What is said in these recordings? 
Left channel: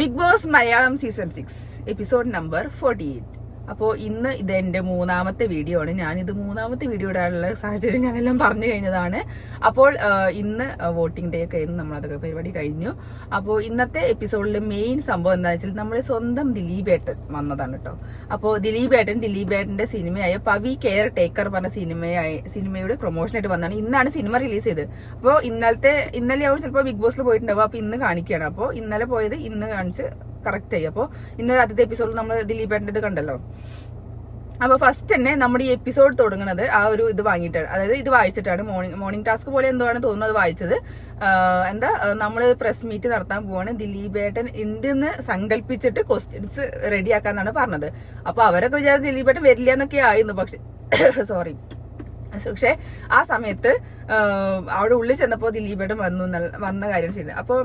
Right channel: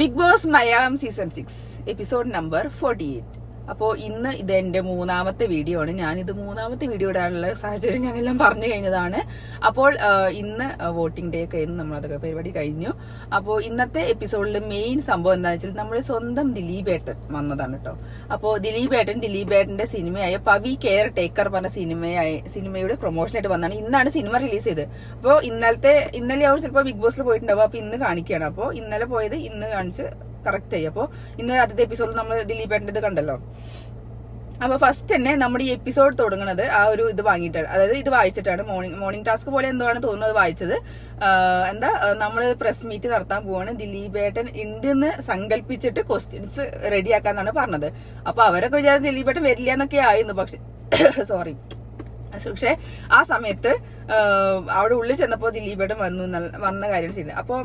Big boss Malayalam season 6 episode number 48. അപ്പോൾ ഇന്ന് ഇത് എന്റെ മൂന്നാമത്തെ വീഡിയോ ആണ്. ഞാനിത് മൂന്നാമത്തെ വീഡിയോ ഇടാനുള്ള സാഹചര്യം ഞാനെല്ലാം പറഞ്ഞു കഴിഞ്ഞതാണ്. അപ്പോൾ ഇന്ന് വോട്ടിംഗ് ഡേ ഒക്കെ ആയിരുന്നു, നമ്മളതൊക്കെ പരിപാടി കഴിഞ്ഞു. അപ്പോൾ ഇന്നത്തെ എപ്പിസോഡിൽ മെയിൻ സംഭവം എന്താണെന്ന് വെച്ചാൽ നമ്മുടെ സ്വന്തം ദിലീപേട്ടൻ വന്നതാണ് കേട്ടോ. അപ്പോൾ ദിലീപേട്ടന്റെ സിനിമയായ പവി കെയർ ടേക്കർ പറഞ്ഞ സിനിമയുടെ പ്രൊമോഷനായിട്ട് വന്നതാണ്. ഇന്നാണ് സിനിമ റിലീസ് ചെയ്തത്. അപ്പോൾ ഇന്നലെ ആവും ചിലപ്പോൾ ബിഗ് ബോസിൽ പോയിട്ടുണ്ടാവും. അപ്പൊ ഇന്ന് കാണിക്കുകയാണ്. അപ്പോൾ ഇന്നലെ പോയത് ഇന്ന് കാണിച്ച് കറക്റ്റ് ആയി. അപ്പോൾ ഇന്ന് ആദ്യത്തെ എപ്പിസോഡിൽ നമ്മൾ ദിലീപേട്ടൻ്റെ ഇത് കണ്ടല്ലോ. അപ്പൊ ഫസ്റ്റ് തന്നെ നമ്മുടെ ഈ എപ്പിസോഡ് തുടങ്ങുന്നത് ആ ഒരു ഇത് വാങ്ങിയിട്ടാണ്, അതായത് ഇത് വായിച്ചിട്ടാണ്. മോർണിംഗ് ടാസ്ക് പോലെ എന്തോ ആണ് തോന്നുന്നത് വായിച്ചത്. നമ്മൾ പ്രസ് മീറ്റ് നടത്താൻ പോവാണ്, ദിലീപേട്ടൻ ഉണ്ടെന്ന് സങ്കല്പിച്ചിട്ട് ക്വസ്റ്റ്യൻസ് റെഡിയാക്കാന്നാണ് പറഞ്ഞത്. അപ്പൊ അവരൊക്കെ വിചാരിച്ച ദിലീപേട്ടൻ വരില്ല എന്നൊക്കെ ആയിരുന്നു. പക്ഷെ പക്ഷെ ആ സമയത്ത് അവിടെ ഉള്ളിൽ ചെന്നപ്പോ ദിലീപേട്ടൻ വന്ന കാര്യം ശരിയാണ്. അപ്പൊ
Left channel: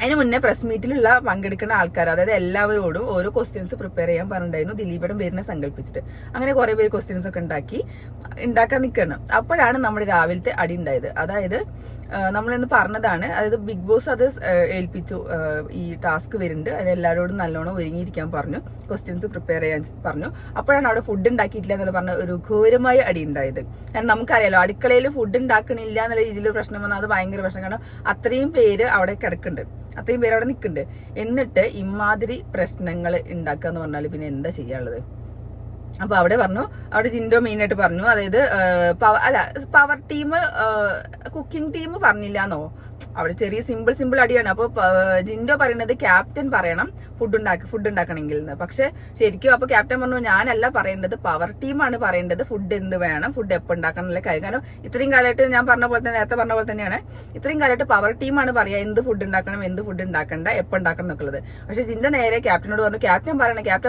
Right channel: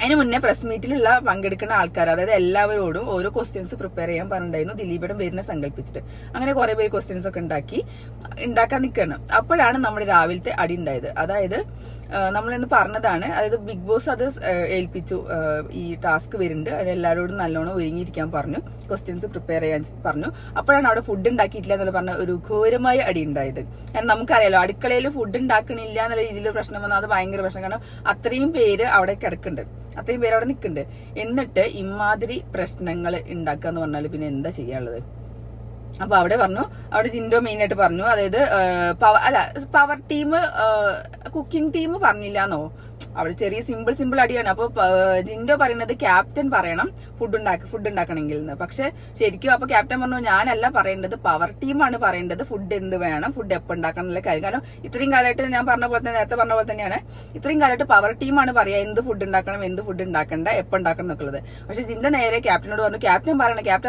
അതിന് മുന്നേ പ്രസ് മീറ്റിലുള്ള പങ്കെടുക്കുന്ന ആൾക്കാർ, അതായത് എല്ലാവരോടും ഓരോ ക്വസ്റ്റ്യൻസ് പ്രിപ്പയർ ചെയ്യാൻ പറഞ്ഞിട്ടുണ്ടായിരുന്നു, ദിലീപേട്ടൻ വരുന്ന സങ്കല്പിച്ചിട്ട്. അങ്ങനെ കുറെ പേര് ക്വസ്റ്റ്യൻസ് ഒക്കെ ഉണ്ടാക്കാൻ നിൽക്കണം. അപ്പോഴാണ് നമ്മുടെ രാവിലത്തെ അടി ഉണ്ടായത്. അതായത് നമ്മളിന്ന് പറഞ്ഞതാണ്, അതായത് ബിഗ് ബോസ് അത് ഏൽപ്പിച്ചു, ഈ ടാസ്ക് വരുന്നുണ്ട്, എല്ലാവരോടും നല്ലോണം ഒരുങ്ങിയിരിക്കാൻ പറഞ്ഞു, ക്വസ്റ്റ്യൻസ് പ്രിപ്പയർ ചെയ്യാൻ പറഞ്ഞു. അപ്പോഴാണ് അവിടെ ഫുഡ് ഉണ്ടാക്കിയിട്ടില്ല എന്നുള്ള പറഞ്ഞ ഒരു ഘോരമായ അടി ഉണ്ടായത്. കാരണം നമുക്കറിയാലോ, അടുക്കളയിൽ ഫുഡ് ഉണ്ടാക്കണില്ല എന്നുള്ള രീതിയിൽ പ്രശ്നം വന്നാൽ അത് ഭയങ്കര പ്രശ്നം. കാരണം അത്രയും പേര് അവിടെ കിടക്കുന്നുണ്ട്, അത്രയും പേര് അവിടെ നിൽക്കുന്നുണ്ട്. എന്നിട്ട് ഇമാതിരി പ്രശ്നങ്ങൾ ഉണ്ടാക്കുക എന്ന് പറഞ്ഞാൽ പിന്നെ എന്താ ചെയ്യാനുള്ളത്? അപ്പൊ അവിടെ ജിൻഡോ മെയിൻ ആയിട്ട് പറഞ്ഞു, അതായത് പവർ ടീം കുക്കിംഗ് ടീം പറഞ്ഞില്ലാന്നോ, അവിടെ ചെറിയ സിമ്പിൾ അടിയാണ്. അപ്പൊ ജിൻഡോ പറയുന്നത് ക്യാപ്റ്റൻ പറയണം ഫുഡ് ഉണ്ടാക്കണമെങ്കിൽ എന്ന്. പക്ഷെ ശരിക്കും അപ്പൊ ക്യാപ്റ്റൻ പറഞ്ഞു, ഞാനല്ല പറയേണ്ടത്, പവർ ടീമാണ് പറയേണ്ടത് ഫുഡ് എന്ത് വേണം, ഫുഡ് എപ്പോൾ ഉണ്ടാക്കണം എന്നുള്ള കാര്യം. കാരണം ഇത്രയും കാലമായിട്ട് ഞാൻ നേരത്തെ പറഞ്ഞ പോലെ തന്നെയാണ്, ഇത്രയും കാലമായിട്ട് പവർ ടീമാണ് പറയാ എന്ത് ഫുഡ് ഉണ്ടാക്കണം, എന്ത് ഫുഡ് ഉണ്ടാക്കണ്ട, എപ്പോൾ ഉണ്ടാക്കണം എന്നൊക്കെയുള്ളത്. പക്ഷെ ജിൻഡോ നേരെ ക്യാപ്റ്റനോട് പറഞ്ഞു, ക്യാപ്റ്റൻ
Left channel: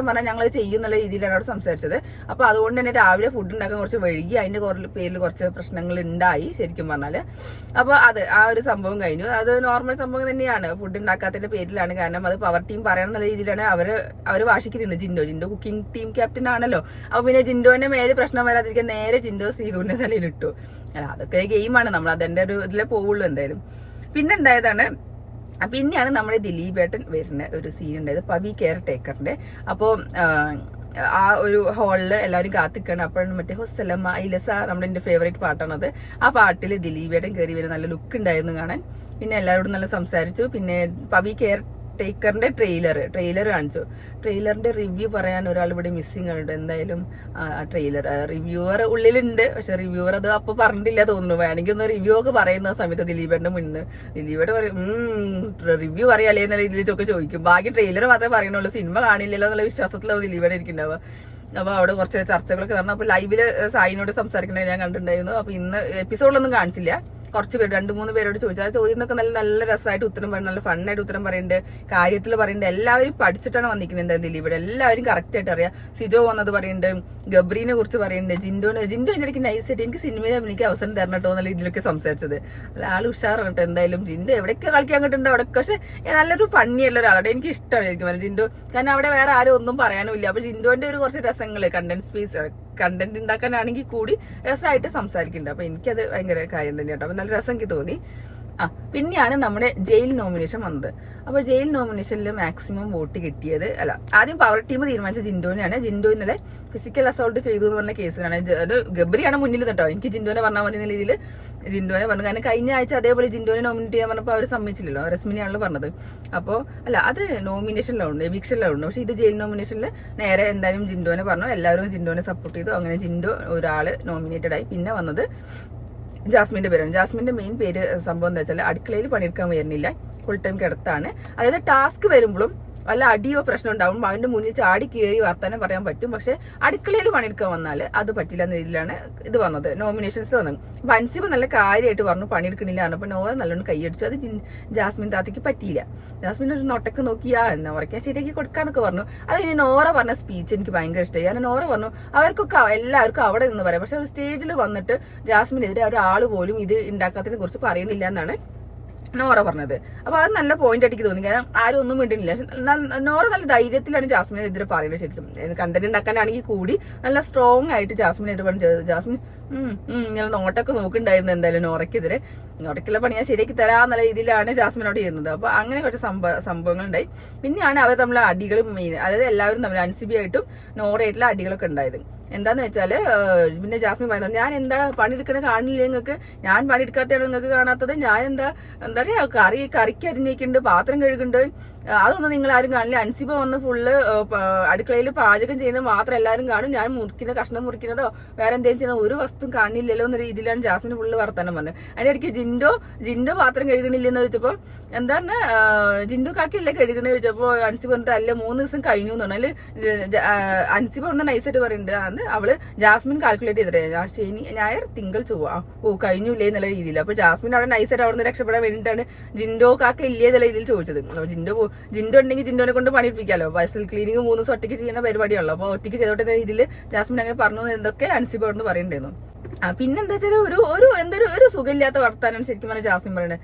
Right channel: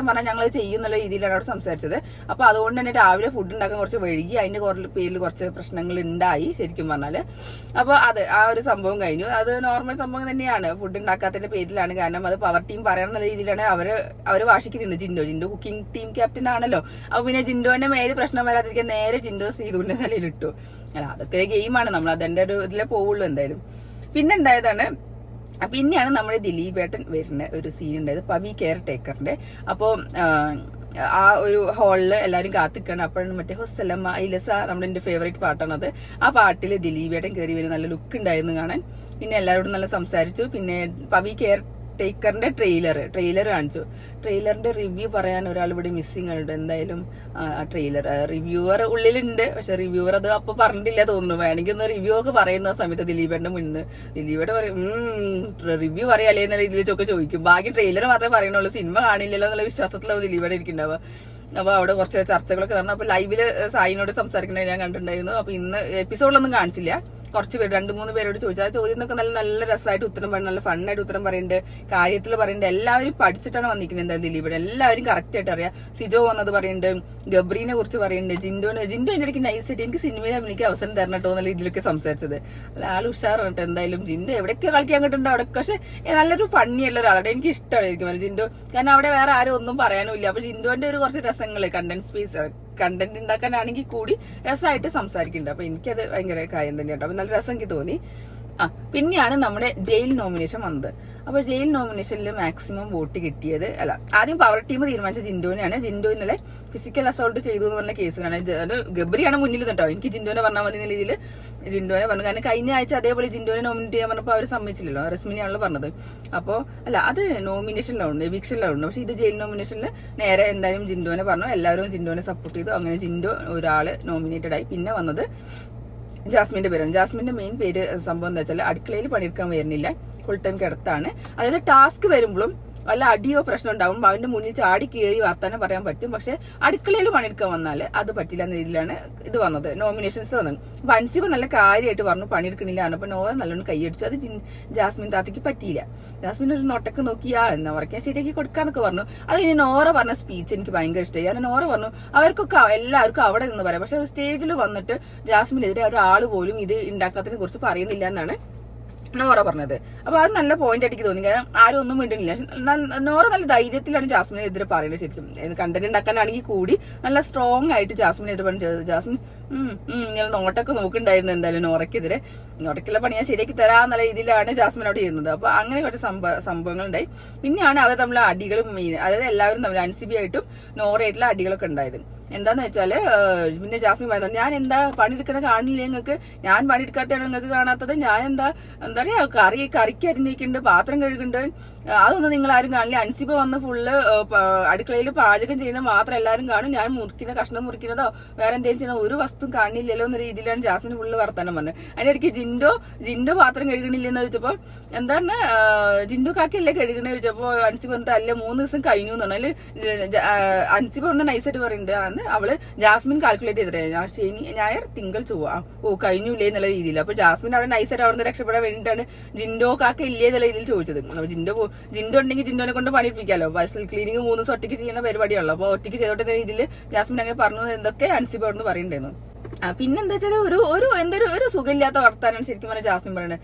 പറഞ്ഞാൽ ഞങ്ങൾ ചെയ്യുന്നുള്ള രീതിയിലാണ് അവിടെ സംസാരിച്ചത്. അപ്പൊ അതുകൊണ്ട് തന്നെ രാവിലെ ഫുഡ് ഉണ്ടാക്കാൻ കുറച്ച് വൈകി, അതിന്റെ പേരിൽ കുറച്ച് പ്രശ്നങ്ങൾ ഉണ്ടായി ശരിക്കും പറഞ്ഞാല്. അപ്പൊ ആ ഒരു സംഭവം കഴിഞ്ഞു. അത് നോർമൽ സംഭവം തന്നെയാണ്, ഫുഡ് ഉണ്ടാക്കാത്തതിന്റെ പേരിലാണ്. കാരണം അത് പവർ ടീം പറയണം എന്നുള്ള രീതിയിലാണ് അവര് വാശിക്ക് നിന്നത്. ജിൻഡോ കുക്കിംഗ് ടീം ക്യാപ്റ്റൻ ആണല്ലോ. അപ്പൊ പിന്നെ ജിൻഡോന്റെ മേലെ പ്രശ്നം വരാതിരിക്കാൻ നേരെ ജിൻഡോ സീതുവിന്റെ തലയിലിട്ടു. അല്ല, അതൊക്കെ ഗെയിമാണ്, നമ്മൾ അതിന്റെ ഒരു ഇതിലെ പോവുള്ളൂ എന്തായാലും. പിന്നെയാണ് നമ്മുടെ ദിലീപേട്ടൻ വരുന്ന ഒരു സീൻ ഉണ്ടായത്, പവി കെയർ ടേക്കറിന്റെ. അപ്പോ ആ ഒരു ഹാളില് എല്ലാരും കാത്തിക്കാണ്. അപ്പോഴാണ് മറ്റേ ഹുസ്സലമ്മ ഐലസ, നമ്മുടെ ഫേവറേറ്റ് പാട്ടാണത്. ആ പാട്ടില് ദിലീപേട്ടൻ കയറി വരും, നല്ല ലുക്ക് ഉണ്ടായിരുന്നു കാണാൻ. പിന്നെ എല്ലാവരോടും നല്ല സംസാരിച്ചു. പിന്നെ പവി കെയർ ടേക്കറിന്റെ ട്രെയിലർ കാണിച്ചു. ട്രെയിലറിന്റെ റിവ്യൂ പറയാൻ ഒരാൾ ഇവിടെ മിസ്സിംഗ് ഉണ്ട്. എന്തായാലും ട്രെയിലർ റിവ്യൂവർ ഉള്ളിലുണ്ട്, പക്ഷെ റിവ്യൂവർ അത് അപ്പൊ പറഞ്ഞിട്ടില്ല തോന്നുന്നു. വേണമെങ്കിൽ ഒന്ന് റിവ്യൂ ഒക്കെ പറയുന്ന സമയത്ത് ദിലീപേട്ടന്റെ മുന്നിൽ ദിലീപേട്ടൻ പറയും റിവ്യൂ പറയാല്ലേ എന്ന രീതിയിലൊക്കെ ചോദിക്കും. ബാക്കി ട്രെയിലർ മാത്രമേ പറയണുള്ളൂ, സിനിമ കാണില്ലല്ലോ എന്നുള്ള വിശ്വാസത്തിലാവും ദിലീപേട്ടൻ ഇരിക്കുന്നുണ്ടാവുക. അപ്പൊ അവിടെ കുറച്ച് ചർച്ചകളൊക്കെ നടന്നു. അപ്പൊ ലൈവില് സായിനോട് സംസാരിക്കുന്നത് ഞാൻ കണ്ടിട്ടുണ്ടായിരുന്നു. അപ്പൊ ഇന്ന് എപ്പിസോഡിലൊന്നും കാണിച്ചില്ല, കുറച്ച് പേര് 2-3 പേരോട് ചോദിച്ചു. ആ ചോദ്യമൊക്കെ നല്ല രസമായിട്ട് ഉത്തരം പറയുന്നത്, നല്ല ഫണ്ണായിട്ട് ഉത്തരം പറയുന്നുണ്ട്, കാര്യത്തിൽ പറയുന്നുണ്ട്. എല്ലാവരും പഠിച്ചിട്ടാണ് വന്നിരിക്കുന്നത്. എന്തായാലും ദിലീപേട്ടൻ എല്ലാവരും കറക്റ്റ് ആയിട്ട് അറിയാം. സിജോ വന്നത് പറയുന്നുണ്ട്, ഗബ്രീനെ കുറിച്ച് പറയുന്നുണ്ട്, ജിൻഡോ ഇതിന്റെ ഇടയ്ക്ക് നൈസായിട്ട് എനിക്ക് സിനിമയിൽ എനിക്ക് അവസരം തരണം കേട്ടോ എന്നുള്ള ഇതിലൊക്കെ സംസാരിച്ചത്. ആൾ ഉഷാറാണ് കേട്ടോ. എന്തായാലും ജിൻഡോ എവിടെയൊക്കെ കളിക്കാൻ കിട്ടുന്നുണ്ട് അവിടെയൊക്കെ. പക്ഷെ നല്ലൊരു ഫണ്ണി ഉള്ള ഒരാളുടെ എനിക്ക് ഇഷ്ടമായിരിക്കും ജിൻഡോ. കാരണം അവിടെ വേറെ ആരും ഒന്നും പറയാനും ഇല്ല. അപ്പൊ ജിൻഡോന്റെ ഒരു കുറച്ച് രസങ്ങള് കണ്ടന്റ് ഉണ്ടാക്കാനാണെങ്കിൽ കൂടി രസമായിട്ട് സംസാരിക്കുന്നുണ്ട്. അപ്പൊ എനിക്കത് ഭയങ്കര കാര്യം തന്നെ കേട്ടോ. അപ്പൊ നല്ല രസം എനിക്ക് തോന്നി. പിന്നെയാണ് നമ്മുടെ ജയിൽ നോമിനേഷൻ വന്നത്. അപ്പൊ ജയിൽ നോമിനേഷനിൽ മാക്സിമം വോട്ട് കിട്ടിയത്, ആദ്യം പവർ ടീം തീരുമാനിച്ച ജിൻഡോനെയാണ്. ജിൻഡോ ഇന്നലെ ഫിസിക്കൽ അസോൾട്ട് ചെയ്തു എന്ന് പറഞ്ഞ കേസിലാണ്. ഗബ്രിയാണ് മുന്നിൽ കേട്ടോ. എനിക്ക് ജിൻഡോനെ പറഞ്ഞാൽ മതി എന്ന രീതിയിൽ ജിൻഡോനെ പറഞ്ഞു. കാരണം കഴിഞ്ഞ ആഴ്ച അതേപോലെ ജിൻഡോനെ നോമിനേറ്റ് ചെയ്യാൻ പറഞ്ഞപ്പോൾ അവർ സമ്മതിച്ചില്ലല്ലോ, റസ്മിനെയാണല്ലോ പറഞ്ഞത്. അപ്പോൾ അത് നോമിനേഷനിലുണ്ട്, എവിക്ഷനിലുണ്ട്. പക്ഷെ ഇത് ജയിൽ നോമിനേഷനിൽ നേരെ എന്തായാലും ജിൻഡോനെ പറഞ്ഞു. എല്ലാവരും ജിൻഡോനെ സപ്പോർട്ട് ചെയ്തു. അങ്ങനെ ജിൻഡോ ഒരാള് നോമിനേറ്റഡ് ആയി. പിന്നെ വന്നത് ജാസ്മിന്റെ പേരാണ്. ജാസ്മിന്റെ മെയിൻ പേര് സംഭവം എന്താ വെച്ചാൽ അടുക്കളയിൽ പണിയെടുക്കാൻ വരുന്നില്ല, ഫുൾ ടൈം കിടത്താണ്. അതായത് ടാസ്ക് വരുമ്പോഴും വല്ല അടിയോ പ്രശ്നം ഉണ്ടാവും, അവന്റെ മുന്നിൽ ചാടി കയറി വർത്താനം പറയാൻ പറ്റും. പക്ഷെ അടുക്കളയിൽ പണിയെടുക്കാൻ വന്നാൽ അത് പറ്റില്ല എന്ന രീതിയിലാണ് ഇത് വന്നത്, നോമിനേഷൻസ് വന്നത്. അപ്പൊ അൻസിബ നല്ല കാര്യമായിട്ട് പറഞ്ഞു പണിയെടുക്കണില്ല. അപ്പൊ നോവ നല്ലോണം കൈയടിച്ചു. അത് ജാസ്മിൻ താത്തയ്ക്ക് പറ്റിയില്ല. ജാസ്മിൻ ഒരു നൊട്ടക്ക് നോക്കിയാ എന്നാ പറയാ ശരിയാക്കി കൊടുക്കാന്നൊക്കെ പറഞ്ഞു. അത് കഴിഞ്ഞ് നോറ പറഞ്ഞ സ്പീച്ച് എനിക്ക് ഭയങ്കര ഇഷ്ടമായി. കാരണം നോറ പറഞ്ഞു അവർക്കൊക്കെ എല്ലാവർക്കും അവിടെ നിന്ന് പറയാം, പക്ഷെ ഒരു സ്റ്റേജിൽ വന്നിട്ട് ജാസ്മിനെതിരെ ഒരാൾ പോലും ഇത് ഉണ്ടാക്കാത്തതിനെ കുറിച്ച് പറയണില്ല എന്നാണ് നോറ പറഞ്ഞത്. അപ്പൊ അത് നല്ല പോയിന്റ് ആയിട്ട് തോന്നി. കാരണം ആരും ഒന്നും മിണ്ടുന്നില്ല. നോറ നല്ല ധൈര്യത്തിലാണ് ജാസ്മിനെതിരെ പറയുന്നത്. ശരിക്കും കണ്ടന്റ് ഉണ്ടാക്കാനാണെങ്കിൽ കൂടി നല്ല സ്ട്രോങ് ആയിട്ട് ജാസ്മിനെതിരെ പറഞ്ഞത്. ജാസ്മിൻ ഇങ്ങനെ നോട്ടൊക്കെ നോക്കുന്നുണ്ടായിരുന്നു എന്തായാലും നോറയ്ക്കെതിരെ. നോറയ്ക്കുള്ള പണി ഞാൻ ശരിയാക്കി തരാന്നുള്ള രീതിയിലാണ് ജാസ്മിൻ അവിടെ ചെയ്യുന്നത്. അപ്പൊ അങ്ങനെ കുറച്ച് സംഭവങ്ങൾ ഉണ്ടായി. പിന്നെയാണ് അവർ തമ്മിൽ അടികളും മെയിൻ, അതായത് എല്ലാവരും തമ്മിൽ അൻസിബി ആയിട്ടും നോറയായിട്ടുള്ള അടികളൊക്കെ ഉണ്ടായത്. എന്താന്ന് വെച്ചാല് പിന്നെ ജാസ്മിൻ പറയുന്നത്, ഞാൻ എന്താ പണിയെടുക്കണ കാണില്ലേ നിങ്ങൾക്ക്, ഞാൻ പണിയെടുക്കാത്തതാണ് നിങ്ങൾക്ക് കാണാത്തത്, ഞാൻ എന്താ പറയാ കറിക്ക് അരിഞ്ഞേക്കുന്നുണ്ട്, പാത്രം കഴുകുന്നുണ്ട്, അതൊന്നും നിങ്ങൾ ആരും കാണില്ല. അൻസിബ വന്ന് ഫുള്ള് അടുക്കളയിൽ പാചകം ചെയ്യുന്നത് മാത്രം എല്ലാവരും കാണും, ഞാൻ മുറിക്കുന്ന കഷ്ണം മുറിക്കുന്നതോ വേറെ എന്തെങ്കിലും ചെയ്യണോ ഒരു വസ്തു കാണില്ലല്ലോ എന്ന രീതിയിലാണ് ജാസ്മിൻ ഫുള്ള് വർത്താനം പറഞ്ഞത്. അതിന്റെ ഇടയ്ക്ക് ജിൻഡോ പാത്രം കഴുകണില്ലെന്ന് ചോദിച്ചപ്പോ എന്താ പറഞ്ഞ ജിൻഡോ കാക്കല്ലേ കഴുകണേ ചോദിച്ചപ്പോ അൻസിബ പറഞ്ഞിട്ട് അല്ല 3 ദിവസം കഴിഞ്ഞു എന്ന് പറഞ്ഞാല് അൻസിബ പറഞ്ഞ നൈസായിട്ട് പറയുന്നുണ്ട്. അവള് ജാസ്മിൻ കാൽക്കുലേറ്റ് ചെയ്തിട്ട് ശനി ഞായർ തിങ്കൾ ചൊവ്വ കഴിഞ്ഞില്ലേ എന്നുള്ള രീതിയിൽ. അപ്പൊ ജാസ്മിൻ അവിടെ നൈസായിട്ട് അവിടെ നിന്ന് രക്ഷപ്പെടാൻ വേണ്ടിയിട്ടാണ് ജിൻഡോ കാക്ക ഇല്ലേ എന്നുള്ള രീതിയിൽ ചോദിച്ചത്. ജിൻഡോ ഉണ്ടെങ്കിൽ ജിൻഡോനെ കൊണ്ട് പണിയിപ്പിക്കാമല്ലോ. വയസ്സിൽ ക്ലീനിങ് 3 ദിവസം ഒറ്റയ്ക്ക് ചെയ്യുന്ന പരിപാടിയുള്ളൂ. അപ്പൊ ഒറ്റയ്ക്ക് ചെയ്തോട്ടെ രീതിയിൽ ജാസ്മിൻ അങ്ങനെ പറഞ്ഞു എന്തൊക്കെ അൻസിബ അവിടെ പറയുന്നുണ്ടായിരുന്നു. പിന്നെന്താ വെച്ചാൽ ഒരു സുഖമില്ലാത്ത വർത്താനാണ് ശരിക്കും പറഞ്ഞാൽ ജാസ്മിൻ പറയുന്നത്.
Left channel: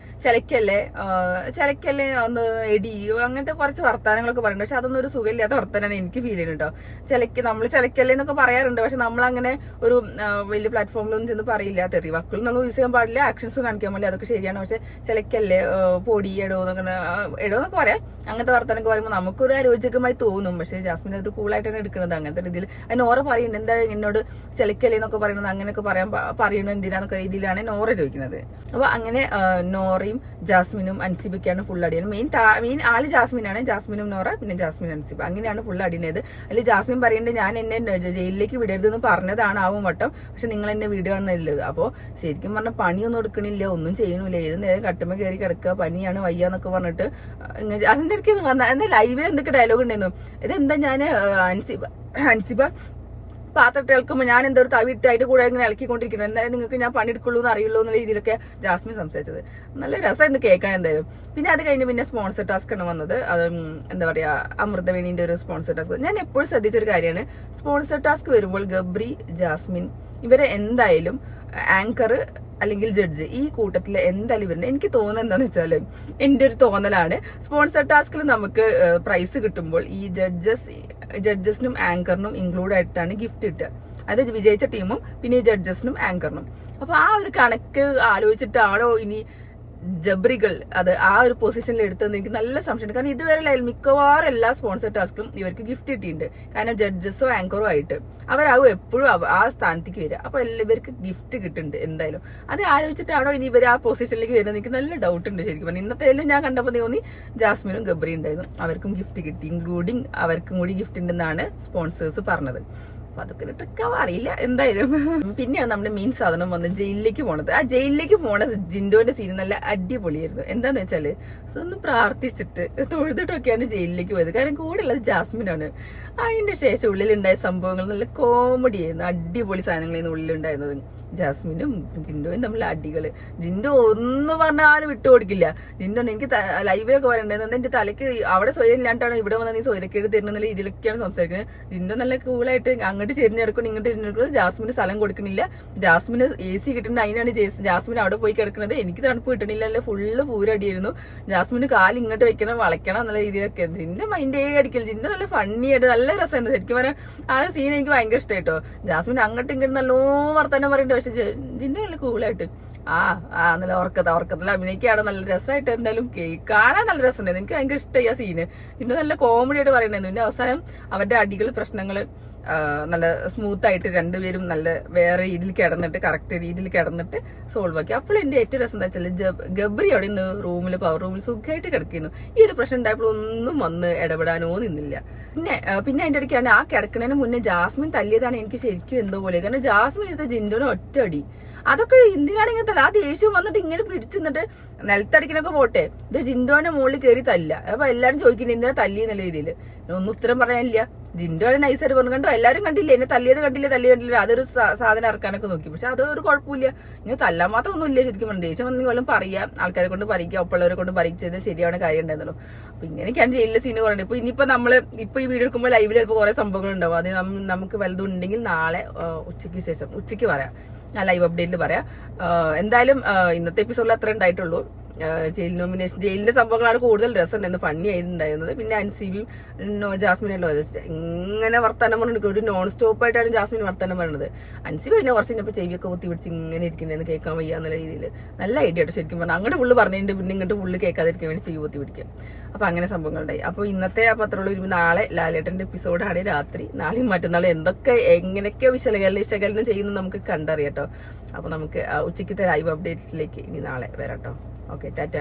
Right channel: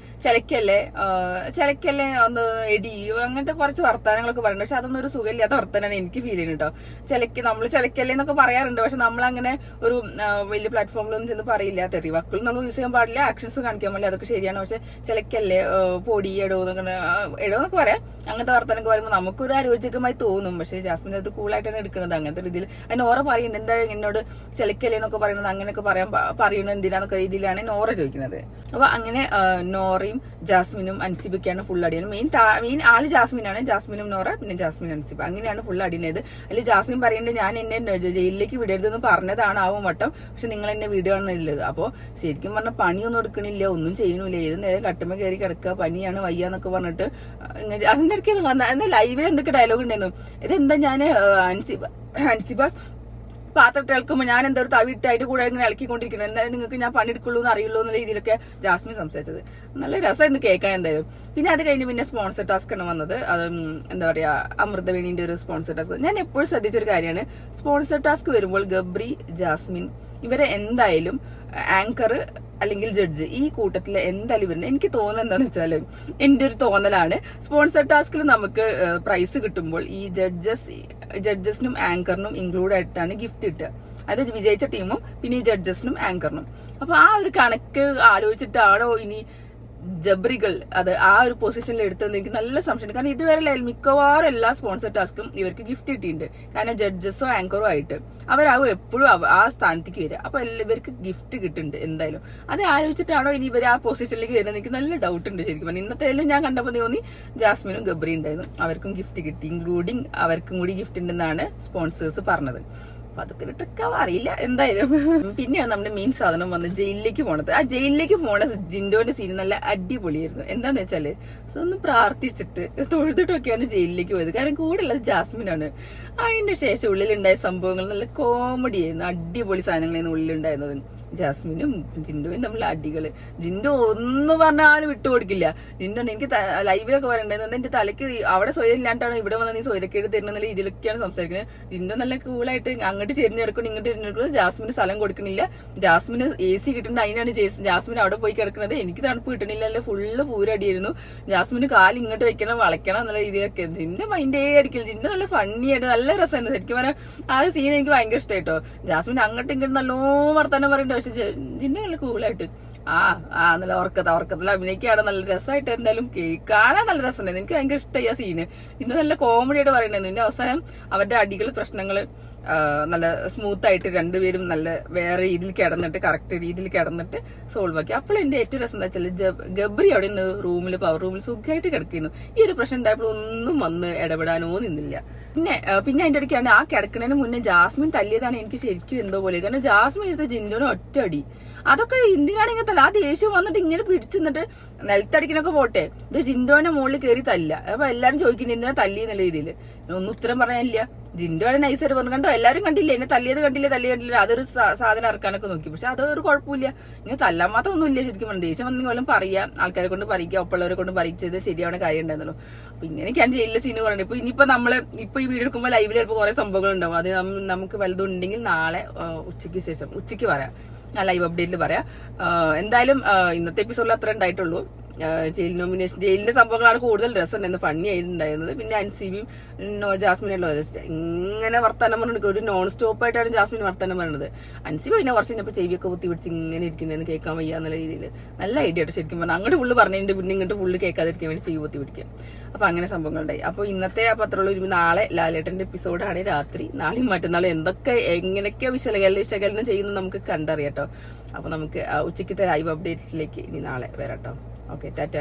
ചിലക്കല്ലേ ഒന്ന് എടി അങ്ങനത്തെ കുറച്ച് വർത്താനങ്ങളൊക്കെ പറയുന്നുണ്ട്. പക്ഷെ അതൊന്നും ഒരു സുഖമില്ലാത്ത വർത്താനാണ് എനിക്ക് ഫീൽ ചെയ്യുന്നത് കേട്ടോ. നമ്മൾ ചിലക്കല്ലേ എന്നൊക്കെ പറയാറുണ്ട്. പക്ഷെ നമ്മളങ്ങനെ ഒരു വലിയ പ്ലാറ്റ്ഫോമിലൊന്നും ചെന്ന് പറയില്ല. തെറി വാക്കുകൾ നമ്മൾ യൂസ് ചെയ്യാൻ പാടില്ല, ആക്ഷൻസ് കാണിക്കാൻ പാടില്ല, അതൊക്കെ ശരിയാണ്. പക്ഷെ ചിലക്കല്ലേ പൊടി എടോന്നൊക്കെ പറയാം. അങ്ങനത്തെ വർത്താനൊക്കെ പറയുമ്പോൾ നമുക്കൊരു അരോചകമായി തോന്നും. പക്ഷെ ജാസ്മിൻ അത് കൂളായിട്ടാണ് എടുക്കുന്നത് അങ്ങനത്തെ രീതിയിൽ. അതിന് നോറ പറയുന്നുണ്ട് എന്താ എന്നോട് ചിലക്കല്ലേ എന്നൊക്കെ പറയുന്നത്, അങ്ങനെയൊക്കെ പറയണത് എന്തിനാന്നൊക്കെ രീതിയിലാണ് നോറ ചോദിക്കുന്നത്. അപ്പൊ അങ്ങനെ നോറയും ജാസ്മിനും അൻസിബൊക്കെയാണ് ഫുൾ അടിയാണ്. മെയിൻ ആള് ജാസ്മിനാണ്. ജാസ്മിനും നോറ, പിന്നെ ജാസ്മിൻ അൻസിബ, അങ്ങനെയാണ് ഫുൾ അടിയുന്നത്. അതിൽ ജാസ്മിൻ പറയുന്നത് ഞാൻ എന്നെ ജയിലിലേക്ക് വിടരുതെന്ന് പറഞ്ഞതാണ് ആവും വട്ടം, പക്ഷെ നിങ്ങൾ എന്നെ വിടുകയാണെന്നുള്ളത്. അപ്പൊ ശരിക്കും പറഞ്ഞാൽ പണിയൊന്നും എടുക്കണില്ല, ഒന്നും ചെയ്യണില്ല, ഏത് നേരം കട്ടുമ്പ കയറി കിടക്കുക, പനിയാണ് വയ്യാന്നൊക്കെ പറഞ്ഞിട്ട് അതിന്റെ ഇടയ്ക്ക് ലൈവിൽ എന്തൊക്കെ ഡയലോഗ് ഉണ്ടായിരുന്നു. ഇതെന്താ ഞാൻ അൻസിബ പാത്രം കേൾക്കുമ്പോൾ ഞാൻ എന്താ ഒരു തവിട്ട് അതിന്റെ കൂടെ ഇങ്ങനെ ഇളക്കിക്കൊണ്ടിരിക്കുന്നത്, എന്തായാലും നിങ്ങൾക്ക് ഞാൻ പണിയെടുക്കുള്ളൂ എന്ന് അറിയുള്ളൂ എന്നുള്ള രീതിയിലൊക്കെ ജാസ്മിൻ സംസാരിച്ചത്. നല്ല രസമായിരുന്നു കേൾക്കാൻ എന്തായാലും. പിന്നെ അത് കഴിഞ്ഞ് പിന്നെ സ്പോൺസർ ടാസ്ക് ആണ് വന്നത്. അത് എന്താ പറയാ അമൃതവേണിന്റെ ഒരു സ്പോൺസർ ടാസ്ക്. ഞാൻ എപ്പോഴും ശ്രദ്ധിച്ചൊരു കാര്യമാണ്, സ്പോൺസർ ടാസ്ക് വരുമ്പോൾ ഗബ്രി, ജാസ്മിൻ ഇവരെ എന്തായാലും ആങ്കർ അല്ലെങ്കിൽ ജഡ്ജ് ഈ കൂട്ടത്തിൽ എന്തായാലും വരുന്നത്. എനിക്ക് തോന്നുന്നത് എന്താണെന്ന് വെച്ചാല്, എന്റെ ഒരു തോന്നലാണ്, സ്പോൺസർ ടാസ്കിൽ നമുക്ക് പ്രൈസ് കിട്ടുമ്പോൾ ഈ ജഡ്ജസിനും ആങ്കറിനും ഇൻക്ലൂഡ് ആയിട്ടാണ് ഗിഫ്റ്റ് കിട്ടുക. അതായത് വിജയിച്ച ടീമും പിന്നെ ഈ ജഡ്ജസിനും ആങ്കറിനും. അപ്പൊ ആ ഒരു കണക്ക് ആലോചിച്ചിട്ടാണോ ഇനി ജബ്രികൾ അത് ആ ഒരു പൊസിഷനിൽ എടുത്തതെന്ന് എനിക്ക് നല്ല സംശയമുണ്ട്. കാരണം ഇതുവരെ മിക്കവാറും എല്ലാ സ്പോൺസർ ടാസ്കും ഇവർക്ക് ഗിഫ്റ്റ് കിട്ടിയിട്ടുണ്ട്. കാരണം ജഡ്ജസോ ആങ്കറോ ആയിട്ട് അവരാകും എപ്പോഴും ആ സ്ഥാനത്തേക്ക് വരിക. അപ്പൊ ഇവർക്ക് ഗിഫ്റ്റ് കിട്ടുന്നുണ്ട് എന്തായാലും. അത് ആലോചിച്ചിട്ടാണോ ഇനി ഇവർ ആ പൊസിഷനിലേക്ക് വരുന്നത് എനിക്ക് നല്ല ഡൗട്ട് ഉണ്ട് ശരിക്കും പറഞ്ഞാൽ. ഇന്നത്തെ ഞാൻ കണ്ടപ്പോൾ തോന്നി ജാസ്മിനും ഗബ്രി ഉണ്ടായിരുന്നു, അവർക്കും ഗിഫ്റ്റ് കിട്ടി, ഇൻക്ലൂഡിങ് അവർക്കും കൂടി ഗിഫ്റ്റ് ഉണ്ടെന്നാണ് സ്പോൺസേഴ്സ് പറഞ്ഞത്. അതൊക്കെ ട്രിക്കാവാ അറിയില്ല എന്തായാലും. പിന്നെയാണ് നമ്മുടെ മെയിൻ സാധനം വന്ന് ജയിലിലേക്ക് പോണത്. ആ ജയിലിലേക്ക് പോണ ജിൻഡോന്റെ സീൻ നല്ല അടിപൊളിയായിരുന്നു. എന്താന്ന് വെച്ചാല് ഒന്ന് പ്രാർത്ഥിച്ചിട്ട് തൊഴുതിട്ടൊക്കെയാണ് ജയിലിലേക്ക് പോയത്. കാരണം കൂടെ ഉള്ളത് ജാസ്മിനാണ്. അതിന്റെ ശേഷം ഉള്ളിലുണ്ടായ സംഭവങ്ങൾ നല്ല കോമഡി ആയിരുന്നു, അടിപൊളി സാധനങ്ങളായിരുന്നു ഉള്ളിലുണ്ടായിരുന്നത്. ജാസ്മിനും ജിൻഡോയും തമ്മിൽ അടികള്. ജിൻഡോ ഒന്ന് പറഞ്ഞാലും വിട്ടുകൊടുക്കില്ല. ജിൻഡോ എനിക്ക് ലൈവിലൊക്കെ പറയണ്ടായിരുന്നു, എന്റെ തലയ്ക്ക് അവിടെ സ്വയം ഇല്ലാണ്ടാണ് ഇവിടെ വന്ന് നീ സ്വയക്കേട് തരുന്ന രീതിയിലൊക്കെയാണ് സംസാരിക്കുന്നത്. ജിൻഡോ നല്ല കൂളായിട്ട് അങ്ങോട്ട് ചെരിഞ്ഞെടുക്കണം ഇങ്ങോട്ട് ചെരിഞ്ഞെടുക്കുന്നത്. ജാസ്മിന് സ്ഥലം കൊടുക്കണില്ല. ജാസ്മിന് AC കിട്ടുന്നുണ്ട്, അതിനാണ് ജാസ്മിൻ അവിടെ പോയി കിടക്കുന്നത്. എനിക്ക് തണുപ്പ് കിട്ടണില്ല, ഫുള്ള് പൂരടിയായിരുന്നു. ജാസ്മിന് കാല് ഇങ്ങോട്ട് വെക്കണം വളയ്ക്കണം എന്നുള്ള രീതിയിലൊക്കെ. ജിൻഡോ മൈൻഡേ അടിക്കണം. ജിൻഡോ നല്ല ഫണ്ണി ആയിട്ട് നല്ല രസമായിരുന്നു ശരിക്കും പറഞ്ഞാൽ. ആ സീൻ എനിക്ക് ഭയങ്കര ഇഷ്ടമായിട്ടോ. ജാസ്മിൻ അങ്ങോട്ടും ഇങ്ങോട്ടും നല്ലോ വർത്താനം പറയുന്നുണ്ട്, പക്ഷെ ജിൻഡോ നല്ല കൂളായിട്ട് നല്ല ഉറക്കത്തിൽ അഭിനയിക്കാണ്. നല്ല രസമായിട്ട് എന്തായാലും കാണാൻ നല്ല രസമുണ്ടായിരുന്നു. എനിക്ക് ഭയങ്കര ഇഷ്ടമായി ആ സീന്. ഇന്ന് നല്ല കോമഡി ആയിട്ട് പറയണ്ടായിരുന്നു. പിന്നെ അവസാനം അവരുടെ അടികൾ പ്രശ്നങ്ങള് നല്ല സ്മൂത്ത് ആയിട്ട് രണ്ടുപേരും നല്ല വേറെ രീതിയിൽ കിടന്നിട്ട് കറക്റ്റ് രീതിയിൽ കിടന്നിട്ട് സോൾവ് ആക്കി. അപ്പോൾ എന്റെ ഏറ്റവും രസം എന്താ വെച്ചാൽ ഗബ്രി അവിടെ നിന്ന് പവർ റൂമിൽ സുഖമായിട്ട് കിടക്കുന്നു. ഈ ഒരു പ്രശ്നം ഉണ്ടായപ്പോൾ ഒന്നും വന്ന് ഇടപെടാനോ നിന്നില്ല. പിന്നെ അതിന്റെ ഇടയ്ക്കാണ് ആ കിടക്കുന്നതിന് മുന്നേ ജാസ്മിൻ തല്ലിയതാണ് എനിക്ക് ശരിക്കും എന്തോ പോലെ. കാരണം ജാസ്മിൻ എടുത്ത ജിൻഡോനെ ഒറ്റ അടി. അതൊക്കെ എന്തിനാണെങ്കിൽ തല്ല. ആ ദേഷ്യം വന്നിട്ട് ഇങ്ങനെ പിടിച്ചിട്ട് നിലത്തടിക്കണൊക്കെ പോട്ടെ, ഇത് ജിൻഡോന്റെ മുകളിൽ കയറി തല്ല. അപ്പൊ എല്ലാരും ചോദിക്കുന്നത് എന്തിനാ തല്ലി എന്നുള്ള രീതിയിൽ ഒന്നും ഉത്തരം പറയാനില്ല. ജിൻഡോ നൈസായിട്ട് പറഞ്ഞു, കണ്ടോ എല്ലാരും കണ്ടില്ലേ എന്നെ തല്ലിയത് കണ്ടില്ല. അതൊരു സാധനം ഇറക്കാനൊക്കെ നോക്കി, പക്ഷെ അതൊരു കുഴപ്പമില്ല. ഇങ്ങനെ തല്ലാൻ മാത്രം ഒന്നും ഇല്ല ശരിക്കും പറഞ്ഞു. ദേഷ്യം വന്നെങ്കിൽ പോലും പറയാം, ആൾക്കാരെ കൊണ്ട് പറയിക്കുക, ഒപ്പുള്ളവരെ കൊണ്ട് പറയിച്ചത് ശരിയാണ് കാര്യം ഉണ്ടായിരുന്നല്ലോ. അപ്പൊ ഇങ്ങനെയൊക്കെയാണ് ജയിലിലെ സീന് പറയുന്നത്. ഇപ്പൊ ഇനിയിപ്പോ നമ്മള് ഇപ്പൊ ഈ വീഡിയോ എടുക്കുമ്പോൾ ലൈവിൽ ചിലപ്പോൾ കുറെ സംഭവങ്ങൾ ഉണ്ടാവും. അത് നമുക്ക് വലുതുണ്ടെങ്കിൽ നാളെ ഉച്ചയ്ക്ക് പറയാം, ഞാൻ ലൈവ് അപ്ഡേറ്റിൽ പറയാം. എന്തായാലും ഇന്നത്തെ എപ്പിസോഡിൽ അത്ര ഉണ്ടായിട്ടുള്ളൂ. ജയിൽ നോമിനേഷൻ, ജയിലിന്റെ സംഭവങ്ങളാണ് കൂടുതൽ രസമുണ്ടായിരുന്നു, ഫണ്ണി ആയിട്ടുണ്ടായിരുന്നത്. പിന്നെ അൻസിബിയും ജാസ്മിനല്ലോ ഇങ്ങനെ വർത്താനം പറഞ്ഞിട്ട് ഒരു നോൺ സ്റ്റോപ്പ് ആയിട്ടാണ് ജാസ്മിൻ വർത്താനം പറയുന്നത്. അൻസിബി പിന്നെ കുറച്ച് കഴിഞ്ഞപ്പോൾ ചെവിയൊക്കെ കുത്തി പിടിച്ച് ഇങ്ങനെ ഇരിക്കുന്നതെന്ന് കേൾക്കാൻ വയ്യ എന്നുള്ള രീതിയിൽ നല്ല ഐഡിയ ആയിട്ട് ശരിക്കും പറഞ്ഞാൽ അങ്ങോട്ട് ഫുള്ള് പറഞ്ഞിട്ടുണ്ട്, പിന്നെ ഇങ്ങോട്ട് ഫുള്ള് കേൾക്കാതിരിക്കാൻ വേണ്ടി ചെവി കുത്തി പിടിക്കുക. അപ്പൊ അങ്ങനെ സംഭവങ്ങളുണ്ടായി. അപ്പോൾ ഇന്നത്തെ ആ പത്രമുള്ള നാളെ ലാലേട്ടന്റെ എപ്പിസോഡാണ് രാത്രി, നാളെയും മറ്റന്നാളും എന്തൊക്കെ എങ്ങനെയൊക്കെ വിശകലനം ചെയ്യുന്നത് നമുക്ക് കണ്ടറിയാട്ടോ. അപ്പൊ നമുക്ക് ഉച്ചയ്ക്കത്തെ ലൈവ് അപ്ഡേറ്റിലേക്ക് ഇനി നാളെ വരാട്ടോ. ഓക്കെ, ടാറ്റ.